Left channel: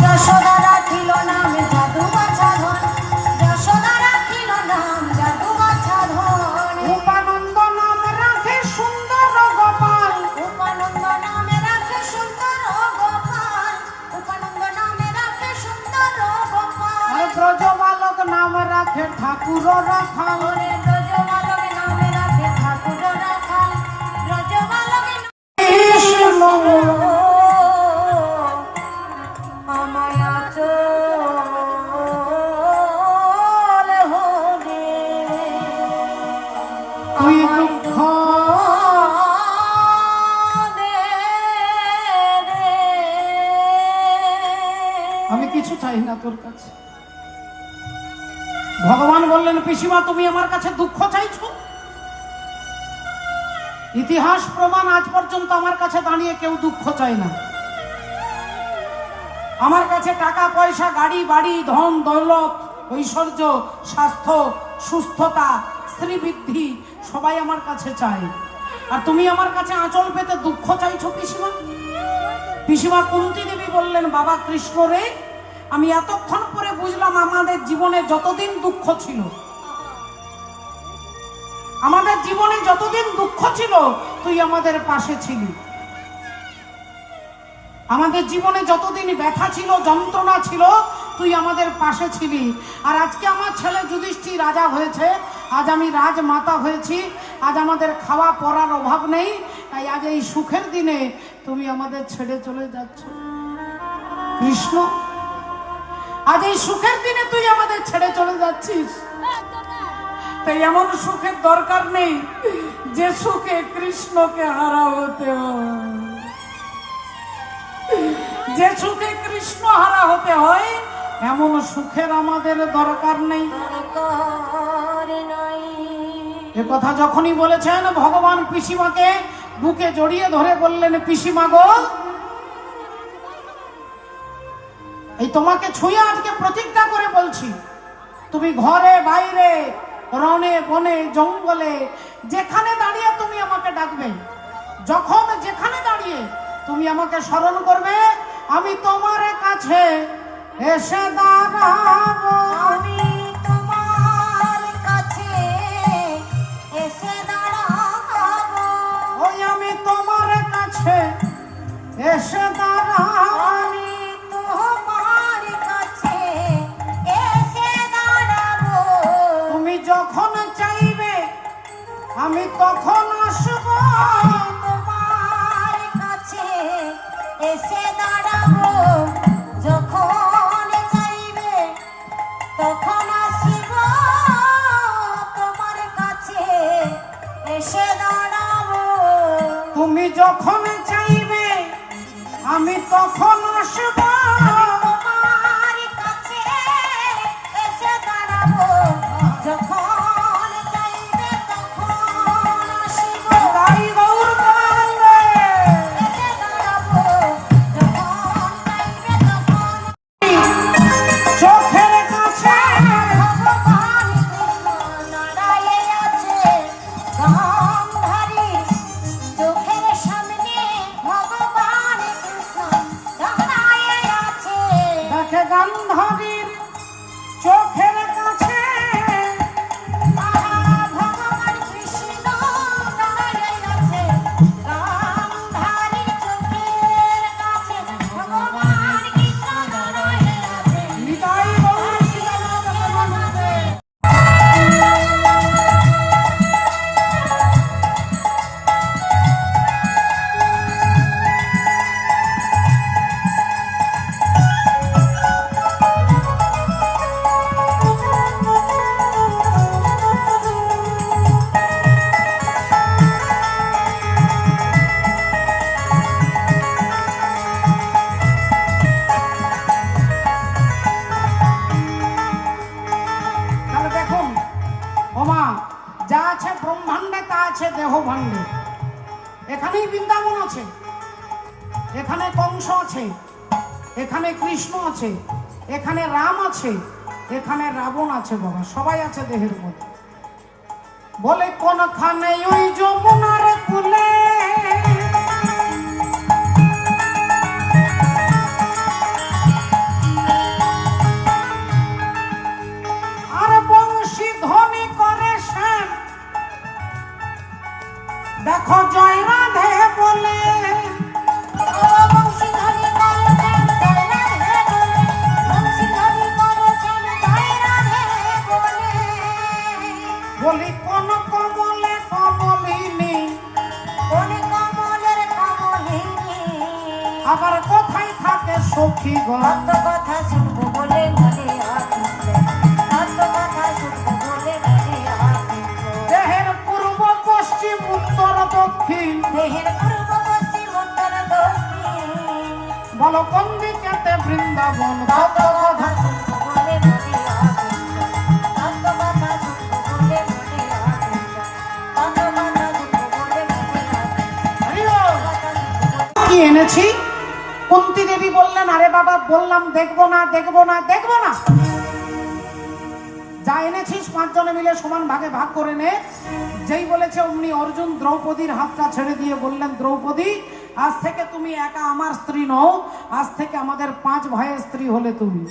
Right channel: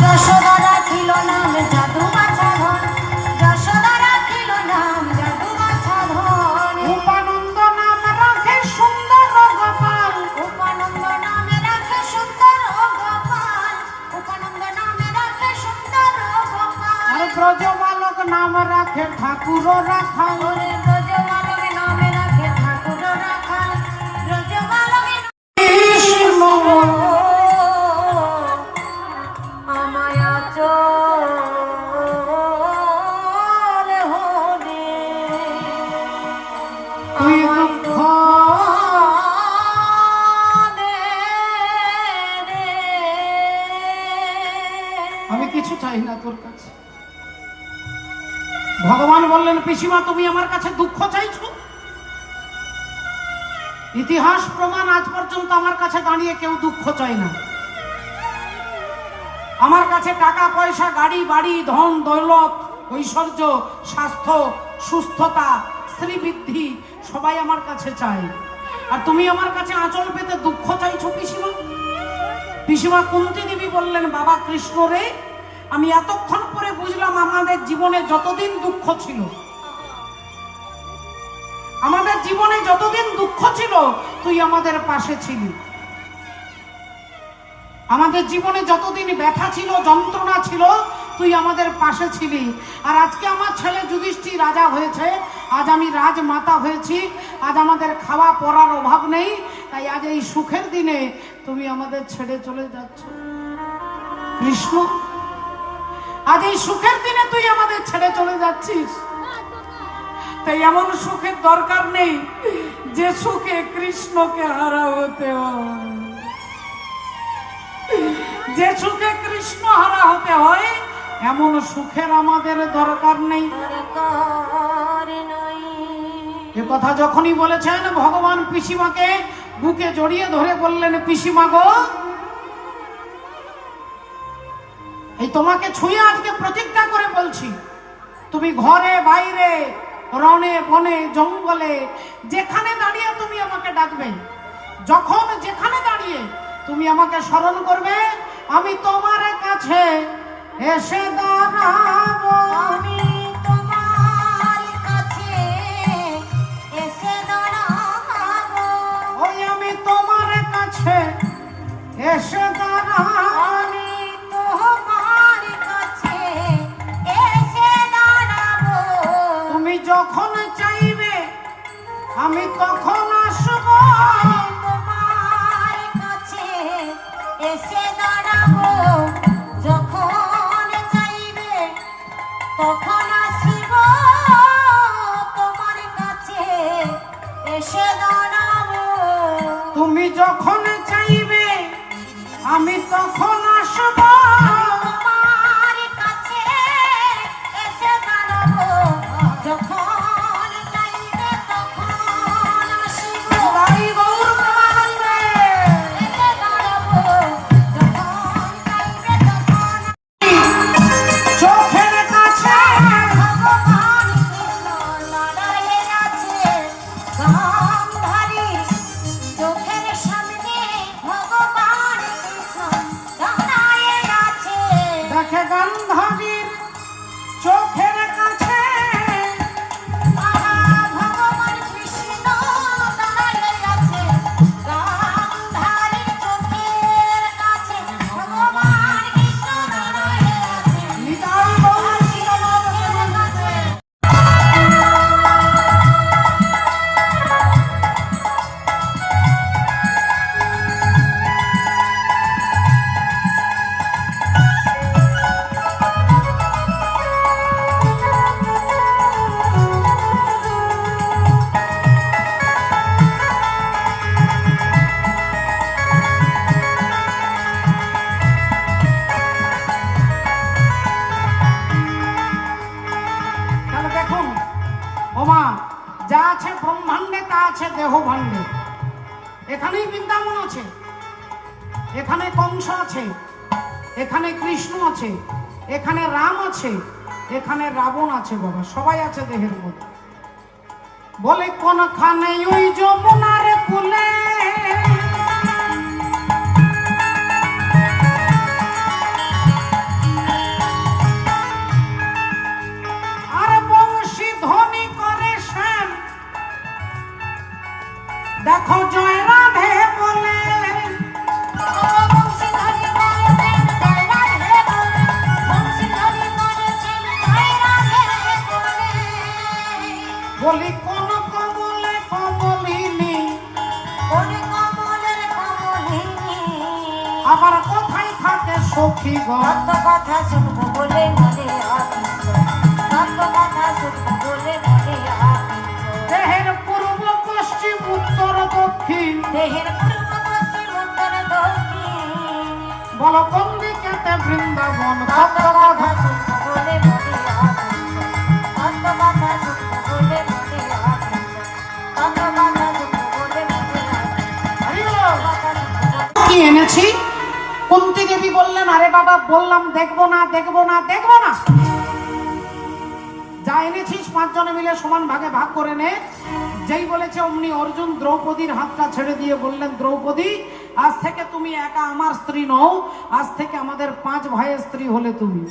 যশোদা রাখিল নাম জাদু বাছা ধন, যশোদা রাখিল নাম জাদু বাছা ধন। উপানন্দ নাম রাখে সুন্দর গোপাল, উপানন্দ নামে রাখে সুন্দর গোপাল, উপানন্দ নামে রাখে সুন্দর গোপাল। আর ব্রজবালক নাম রাখে ঠাকুর রাখাল, ওরে ব্রজবালক নামে রাখে ঠাকুর রাখাল, ব্রজবালক কৃষ্ণ আমায় আচল হলে তুই দুঃখ আমি কিছু চাই না তোর কাছে। ভগবান বললেন পিসিমা তুমি আমার কাছে দুঃখ চাইছো? ইতিহাস প্রমাণ আজ পর্যন্ত আমার কাছে দাঁড়িয়ে কেউ দুঃখ চায় না। আমার কাছে টাকা পয়সা গাড়ি বাড়ি ধন দৌলত ঐশ্বর্য স্বাস্থ্য সুস্থতা শ্রীবৃদ্ধি সবাই আমার কাছে চায়, আর তুমি আমার কাছে আঁচল পেতে দুঃখ চাইছো পিসিমা? পিসিমা কুন্তী দেবী বললেন বাবা কৃষ্ণ রে, আমি এতক্ষণ পরে বুঝলাম আমাদের জীবনে যতদিন দুঃখ ছিল, আমাদের জীবনে যতদিন দুঃখ ছিল তুই আমাদের পাশে ছিলি। আমাদের জীবনে যতদিন ব্যথা ছিল যন্ত্রণা ছিল তুই আমাদের পাশে ছিলি। আর আজকে আমার ছেলে যুধিষ্ঠির রাজা হয়েছে, আজ আমি রাজমাতা হয়েছি, আজ আমাদের খাওয়া পরার অভাব নেই, তাই আজ এই সুখের দিনে তুমি আমাদের ছেড়ে চলে যাচ্ছ কৃষ্ণ। আজ এই সুখের দিনে তুই আমাদের ছেড়ে চলে যাচ্ছিস, তাই এমন সুখের দরকার নেই যে সুখে কৃষ্ণকে হারা হতে হয়। যে সুখে কৃষ্ণ হারা হতে হয় এমন সুখের আমাদের দরকার নেই। এ কথা যখনই বলেছেন ভগবান পিসিমাকে বুকে জড়িয়ে ধরে বললেন পিসিমা গো, এই তোমাকে ছুঁয়ে আজকে প্রতিজ্ঞা করে বলছি, তুমি ঘরে বাইরে রণে বনে জঙ্গলে যেখানে দাঁড়িয়ে তুমি আমাকে ডাকবে, যখন যেখানে দাঁড়িয়ে তুমি আমাকে স্মরণ করবে, আমি তোমার কাছে এসে দাঁড়াবো। আমি তোমার কাছে এসে দাঁড়াবো, ওই আমি তোমার কাছে এসে দাঁড়াবো। আমি তোমার কাছে এসে দাঁড়াবো। তুমি যখন চাইবে আমি তখন আসবো। তোমার কাছে এসে দাঁড়াবো, যখন চাইবে তখন আসিব। তোমার কাছে এসে দাঁড়াবো, তুমি যখন চাইবে আমি তখন আসবো। তোমার কাছে এসে দাঁড়াবো, যখন চাইবে তখন আসিব। তাই গৌর প্রেমানন্দে এসে দাঁড়াবো, যখন চাইবে তখন। চোখের কাছে ভগবান কৃষ্ণ দাঁড়ায়ে আছে, গান্ধারী চোখের সামনে ভগবান কৃষ্ণ দাঁড়ায়ে আছে। দেখে গান্ধারীর চোখের কাছে ভগবান কৃষ্ণ দাঁড়ায়ে আছে, গান্ধারীর চোখের কাছে ভগবান কৃষ্ণ দাঁড়ায়ে আছে। নিতাই গৌর সীতানাথ প্রেমানন্দে। তাহলে দেখুন ওমা, যা আছে ব্রহ্মাণ্ডে তা আছে দেহ ভাণ্ডে। এখানেই বৃন্দাবন আছে, এখানে কংস আছে, এখানে কৃষ্ণ আছে, এখানে রাম আছে, এখানে রাবণ আছে, বাবা সবাই আছে দেহের মধ্যে। বলে কোনখানে ওই যমুনার কুলে সখী গো। কত কথা শুনবো বলে মনে আকুল, কত কথা শুনবো বলে মনে আকুল। দেহের পূর্ব পশ্চিম উত্তর দক্ষিণ, দেহের পূর্ব পশ্চিম উত্তর দক্ষিণ, বল কোন দিকেতে বৃন্দাবন। কত কথা শুনবো বলে মনে আকুল, কত কথা শুনবো বলে মনে আকুল, কত কথা শুনবো বলে মনে আকুল, হরি বল। কথা শুনবো বলে। কি এনেছি? কুন্তী দেবী বললেন, আরে বাবা বললাম দেখবো না দেখবো না দেখবো না, যা এনেছিস 5 জনে মিলে সমান ভাগে ভাগ করে নে। যেই বলেছে অমনি অর্জুন দ্রৌপদীর হাতটা ছেড়ে দিয়ে বললেন, দ্রৌপদী আজ থেকে তুমি একা আমার স্ত্রী নও, আজ থেকে আমাদের 5 ভাইয়ের স্ত্রী হলে তুমি।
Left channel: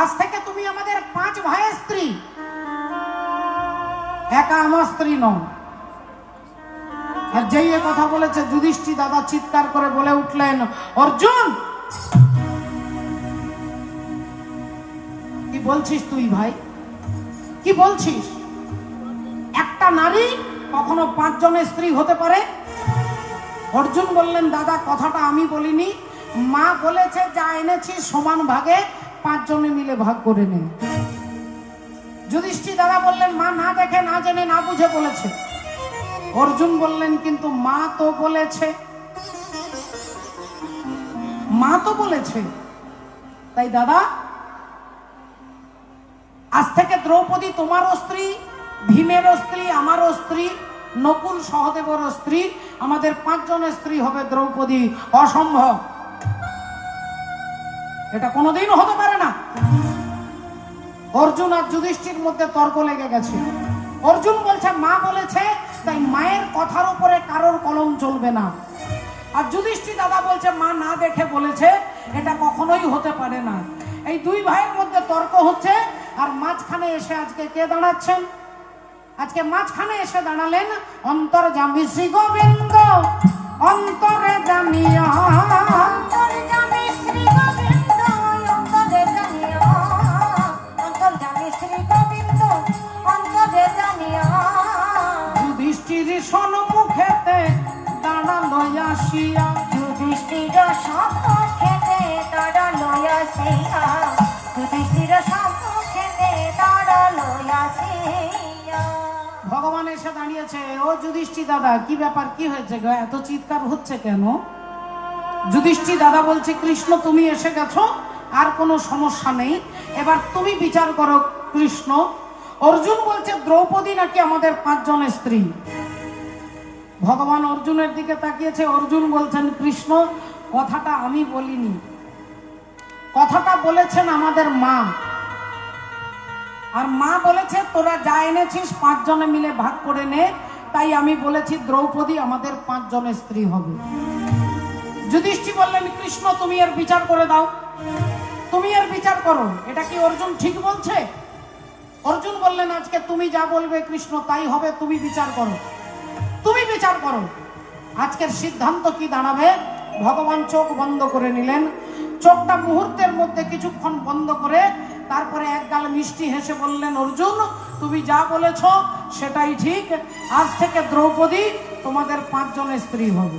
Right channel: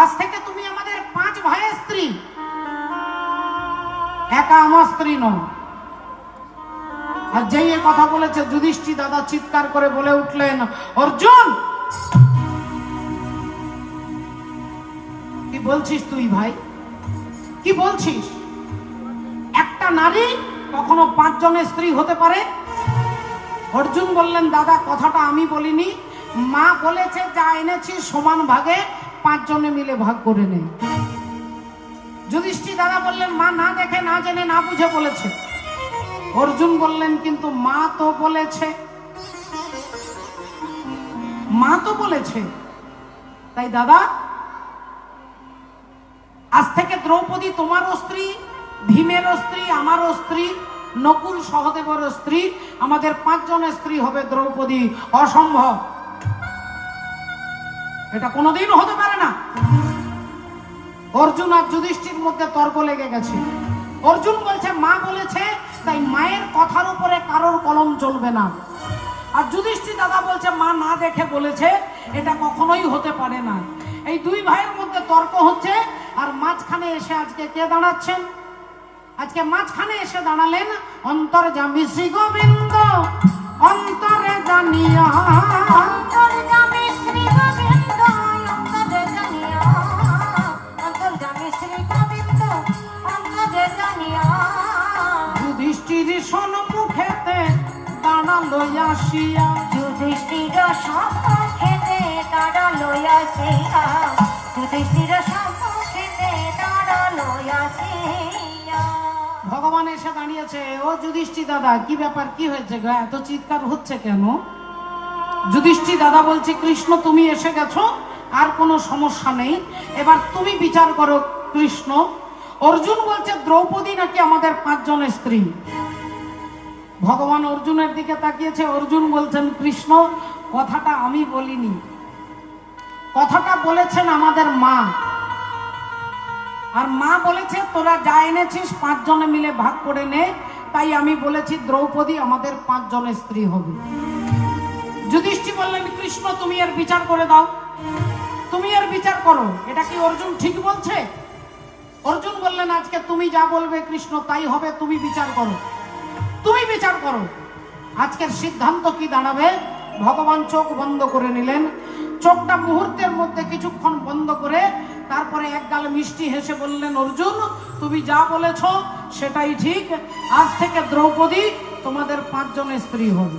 আজ থেকে তুমি আমাদের 5 ভাইয়ের স্ত্রী, একা আমার স্ত্রী নও। আর যেই এ কথা বলেছে যুধিষ্ঠির দাদা চিৎকার করে বলে উঠলেন, অর্জুন কি বলছিস তুই ভাই, কি বলছিস? একটা নারী কখনো 5 জনের স্ত্রী হতে পারে? অর্জুন বললেন, দাদা কথাটা আমি বলিনি, মা বলেছে যা এনেছিস সমান ভাগে 5 জনে মিলে ভাগ করে নে। যুধিষ্ঠির দাদা বললেন, মা না দেখে না জেনে না বুঝে বলেছে। অর্জুন বললেন, কিন্তু মা তো বলেছে, মা তো বলেছে। তাই দাদা আজ থেকে দ্রৌপদী তোমারও স্ত্রী, ভীমেরও স্ত্রী, আমারও স্ত্রী, নকুল সহদেবেরও স্ত্রী, আমাদের 5 জনের স্ত্রী হবে দ্রৌপদী। অসম্ভব, এটা কোনোদিন হতে পারে না। অর্জুন আর যুধিষ্ঠির মধ্যে তর্ক লেগে গেছে। অর্জুন বলছে মা বলেছে, তাই মায়ের কথার উপরে কারোর কলম চলবে না। আর যুধিষ্ঠির দাদা বলছে মা না দেখে বলেছে, এটা কখনোই হতে পারে না। এই 2 ভাইয়ের মধ্যে তর্ক হচ্ছে, আর মাঝখানে এসে আজকে কে দাঁড়াচ্ছেন? আজকে মাঝখানে এসে দাঁড়ালেন অন্তর্যামী শ্রী গোবিন্দ, অন্তরে জানিয়া, অন্তর্যামী শ্রী গোবিন্দ, অন্তরে জানিয়া, অন্তর্যামী শ্রী গোবিন্দ, অন্তরে জানিয়া। যুধিষ্ঠির সম্মুখেতে দাঁড়ালো আসিয়া, যুধিষ্ঠির সম্মুখেতে দাঁড়ালো আসিয়া, যুধিষ্ঠির সম্মুখেতে দাঁড়ালো আসিয়া। ভগবান এসে দাঁড়িয়েছে। ও যুধিষ্ঠির দাদা কি ব্যাপার, কি হয়েছে গো, এত চিৎকার হচ্ছে কেন? যুধিষ্ঠির দাদা বলছে, কৃষ্ণ তুমি এসে গেছো, আর কোনো সমস্যা নেই, এবার তুমি বিচার করো কৃষ্ণ। অর্জুন বলছে দ্রৌপদী নাকি আমাদের 5 জনের স্ত্রী। ভগবান অর্জুনের দিকে তাকিয়েছে। অর্জুন বলছেন, কৃষ্ণ কথাটা আমি বলিনি, কথাটা বলেছেন আমাদের মা। আর মা বলেছে তোরা যা এনেছিস 5 জনে মিলে ভাগ করে নে, তাই আমি বলেছি দ্রৌপদী আমাদের 5 জনের স্ত্রী হবে। যুধিষ্ঠির বললেন, কৃষ্ণ তুমি এর বিচার করে দাও, তুমি এর বিচার করো, এটা কি অর্জুন ঠিক বলছে? অর্জুন বললেন, আজকে তুমি যা বলবে কৃষ্ণ তাই হবে, তুমি বিচার করো, তুমি বিচার করো। আজকের সিদ্ধান্ত কি দাঁড়াবে? ভগবান চোখ বন্ধ করে নিলেন। চোখটা মুহূর্তের মধ্যে কিছুক্ষণ বন্ধ করে তারপরে এক গাল মিষ্টি হেসে বললেন, অর্জুন তুমি যা বলেছ সেটাই ঠিক, আজ থেকে দ্রৌপদী তোমাদের 5 জনের স্ত্রী হবে।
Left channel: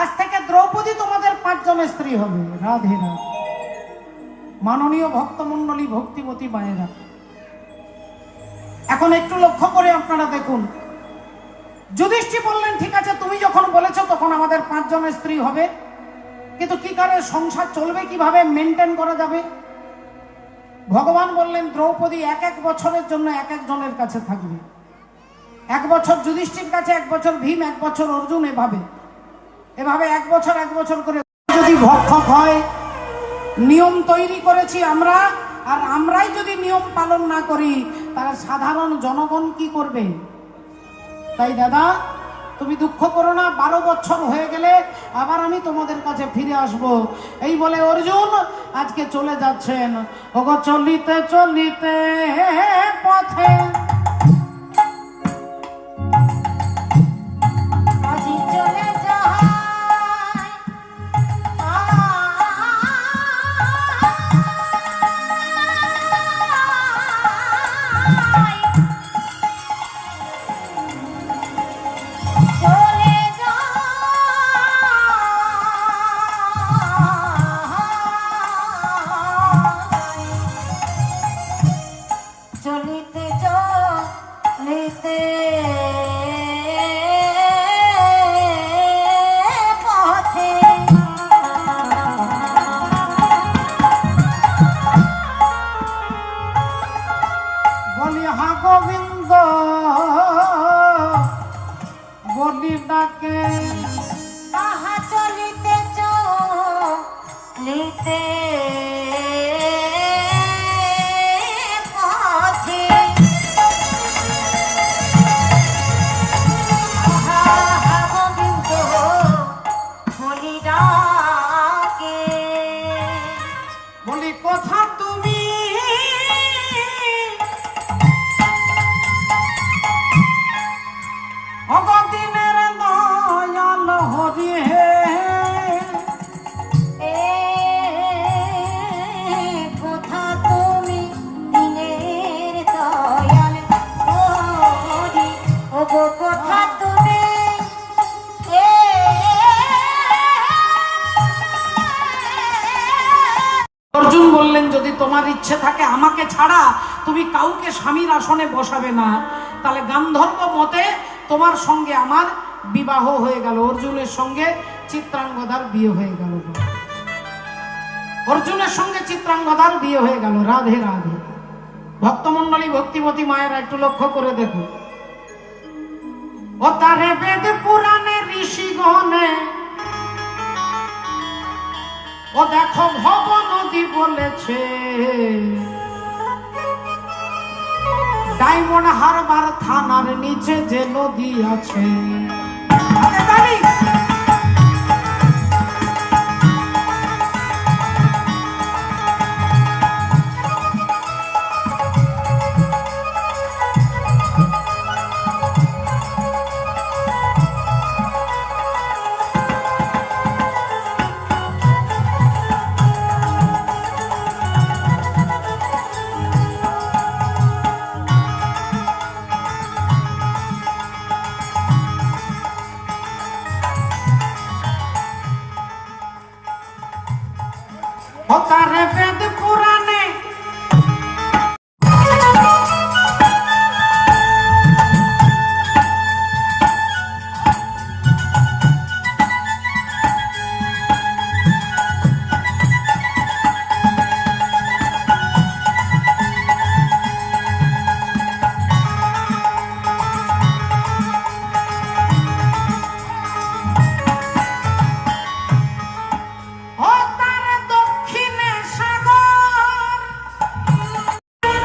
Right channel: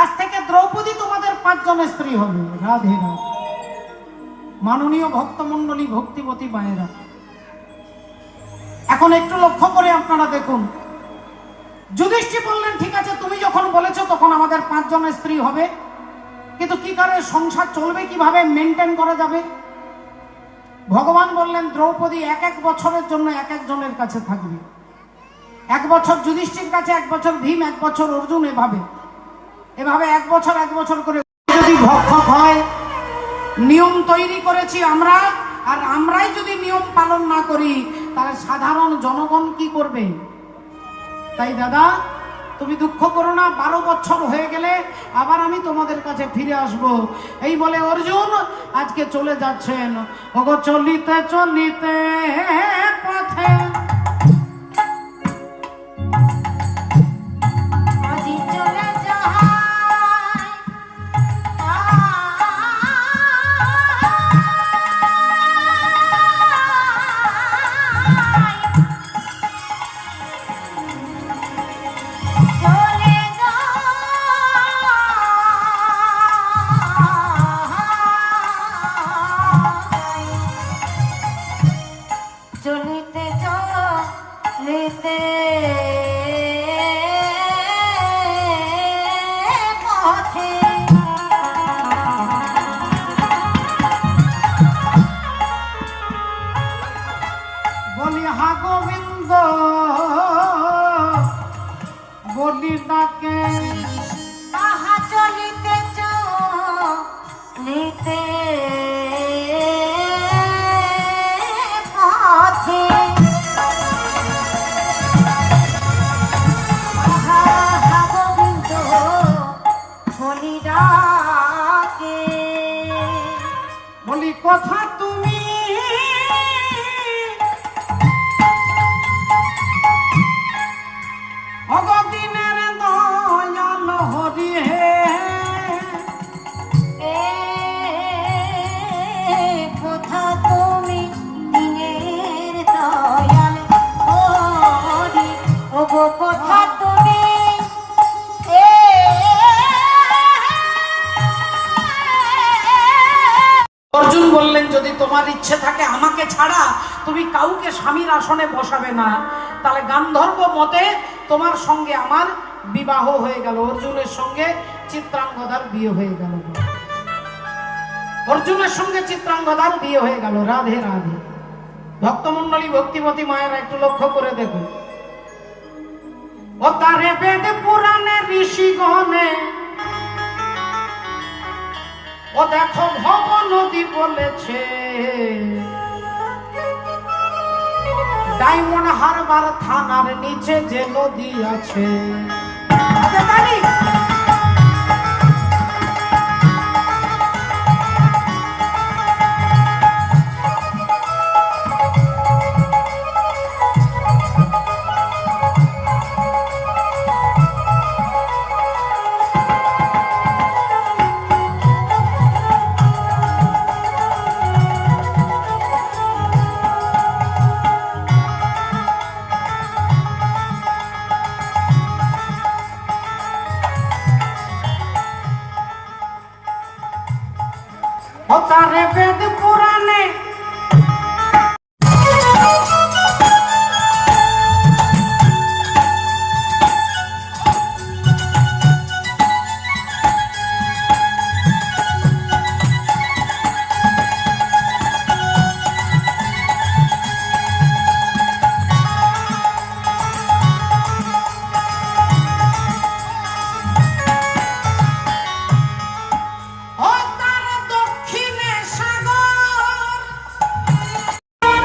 আজ থেকে দ্রৌপদী তোমাদের 5 জনের স্ত্রী হবে। রাধে রাধে। মাননীয় ভক্তমণ্ডলী, ভক্তিবতী মায়েরা, এখন একটু লক্ষ্য করে আপনারা দেখুন। যুধিষ্ঠির বললেন, ঠিক আছে তুমি যখন বলেছো তখন আমাদের 5 জনের স্ত্রী হবে, কিন্তু কি করে সংসার চলবে, কিভাবে মেনটেন করা যাবে? ভগবান বললেন, দ্রৌপদী 1 বছরের জন্য 1 জনের কাছে থাকবে। 1 বছর যুধিষ্ঠির কাছে, 1 বছর ভীম, 1 বছর অর্জুন, এভাবে 1 বছর 1 বছর করে। যদি ভক্ষক হয়, নিয়ম তৈরি করেছি আমরা, আর আমরাই যদি নিয়ম পালন না করি তাহলে সাধারণ জনগণ কি করবে? তাই দাদা তুমি দুঃখ করো না, 12 বছর হয়ে গেলে আবার আমি তোমাদের কাছে ফিরে আসব। এই বলে অর্জুন আজকে চলে যাচ্ছেন। ওগো চলিতে চলিতে পথে, আজি চলে যায় চলে যায় ডাকে। বলি কথা তুমি ভগদিনের দয়াল হরি হে। এ কথা তুমি দিনের দয়াল হরি, ওগো কথা তুমি এ অর্জুন বললেন যদি তোমার ইচ্ছে থাকে আমাকে ছাড়া তুমি কাউকে স্বামীর আসনে বসাবে না, তাহলে গান্ধর্ব মতে তোমার সঙ্গে আমার বিবাহ হয়ে গেল। অর্জুনের সঙ্গে চিত্রাঙ্গদার বিয়ে হয়ে গেল। অর্জুনের সঙ্গে চিত্রাঙ্গদার বিয়ে হয়ে গেল। রাধে রাধে। ভক্তমণ্ডলী, ভক্তিমতী মায়েরা একটু লক্ষ্য করে দেখো। ও তারে বেদ পুরাণে ঋষিগণে, ও দেখো ভব নদী বলেছে, ডায়মন্ড হারবার থানার নিচে যে নদী আছে। ও তারে বেদ পুরাণে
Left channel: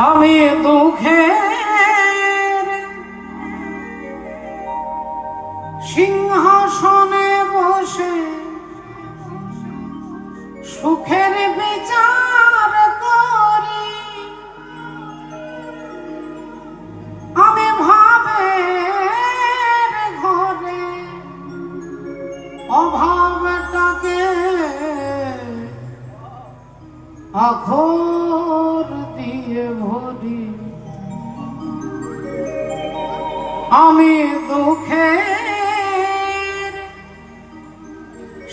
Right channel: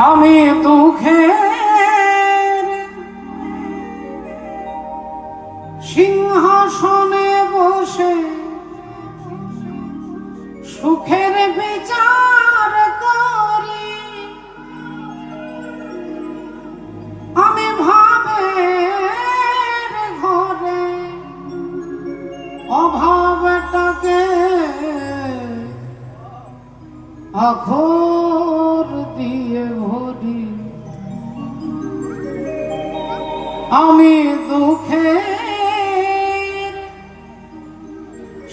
আমি দুঃখের সিংহাসনে বসে সুখের বিচার করি। আমি ভাবের ঘরে অভাবটাকে আখর দিয়ে ভরি। আমি দুঃখের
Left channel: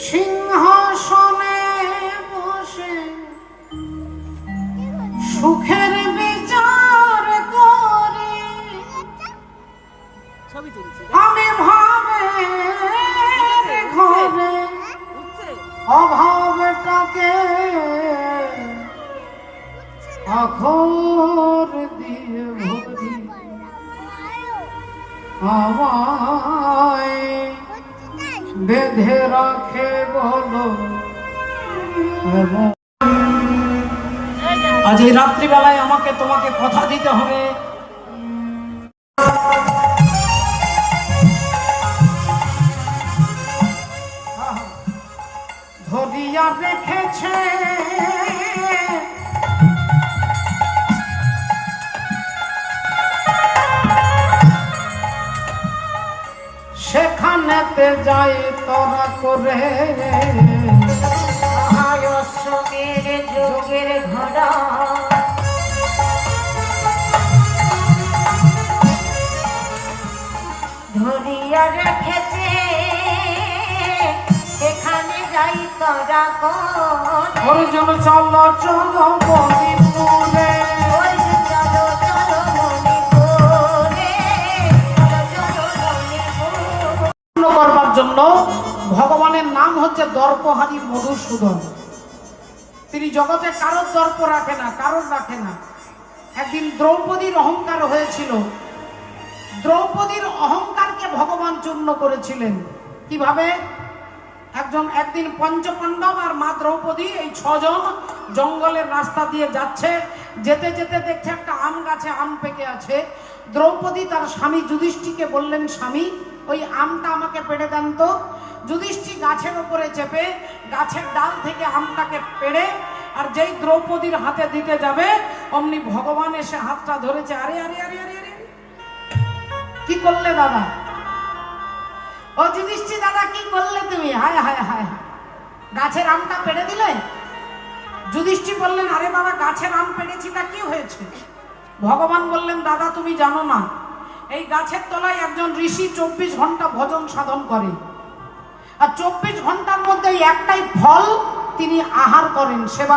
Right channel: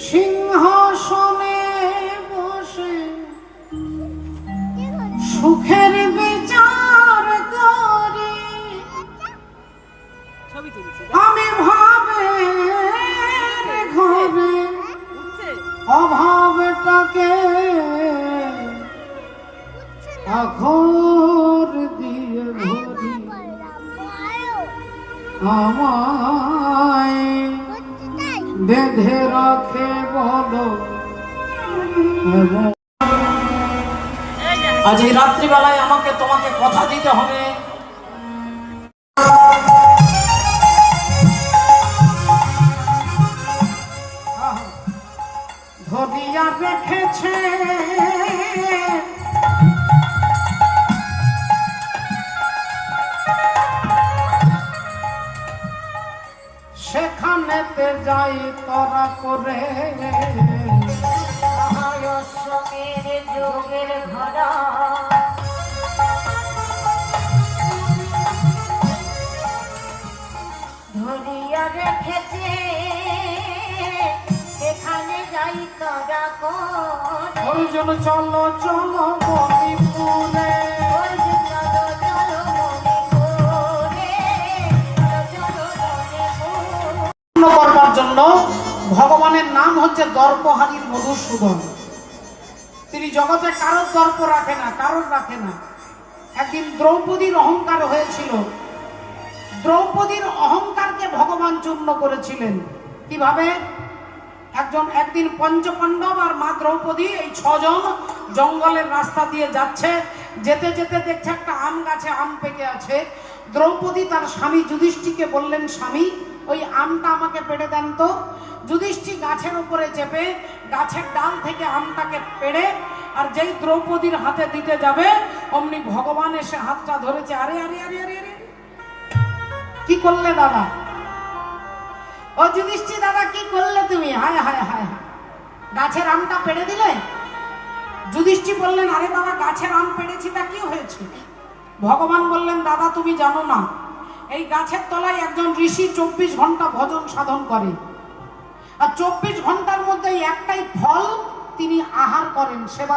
সিংহাসনে বসে সুখের বিচার করি। আমি ভাবের ঘরে অভাবটাকে আখর দিয়ে ভরি। আমায় বেঁধে রাখে বলো। আজ এই রাত্রিবেলায় আমাকে তোমাকে কথা দিতে হবে। ধরিয়া রেখেছে সেখানেতে যাই তোরা করে। অশোকের যোগের ঘোড়া ধরিয়া রেখেছে, সেখানে যাই তোরা কোন। অর্জুন চলো চলো মণিপুরে, চলো চলো মণিপুরে, চলো চলো মণিপুর। করবার জন্য ভগবানের নাম হচ্ছে দর্পহারী মধুসূদন। তিনি জগতে কারোর দর্প রাখে না, কারোর রাখে না। একদিন দ্রৌপদীর অহংকার হয়েছিল। দ্রৌপদীর অহংকারকে ভগবান চূর্ণ করেছিলেন। কিভাবে? একদিন পঞ্চপাণ্ডব আর মা দ্রৌপদী এই 6 জন জঙ্গলের রাস্তা দিয়ে যাচ্ছে। যেতে যেতে দেখছে একটা আম গাছে আম পেকে আছে। দ্রৌপদী তার স্বামী যুধিষ্ঠিরকে বললেন, স্বামী ওই আমটা আমাকে পেড়ে দেন তো। যুধিষ্ঠির গাছের উপরে চেপে গাছের ডাল থেকে আমটাকে পেড়ে আর যেই দ্রৌপদীর হাতে দিতে যাবে অমনি ভগবান এসে হাতটা ধরেছে। আরে আরে আরে আরে আরে কি করলে দাদা? ও যুধিষ্ঠির দাদা কি করলে তুমি? হায় হায় হায়, গাছের আমটা পেড়ে দিলে। যুধিষ্ঠির বললেন, আরে বাবা গাছের আম পেড়েছি তা কি হয়েছে? ভগবান বললেন, দাদা তুমি জানো না, এই গাছের তলায় একজন ঋষি 24 ঘন্টা ভজন সাধন করে, আর 24 ঘন্টার মধ্যে একটাই ফল তিনি আহার করেন, সেবা করেন।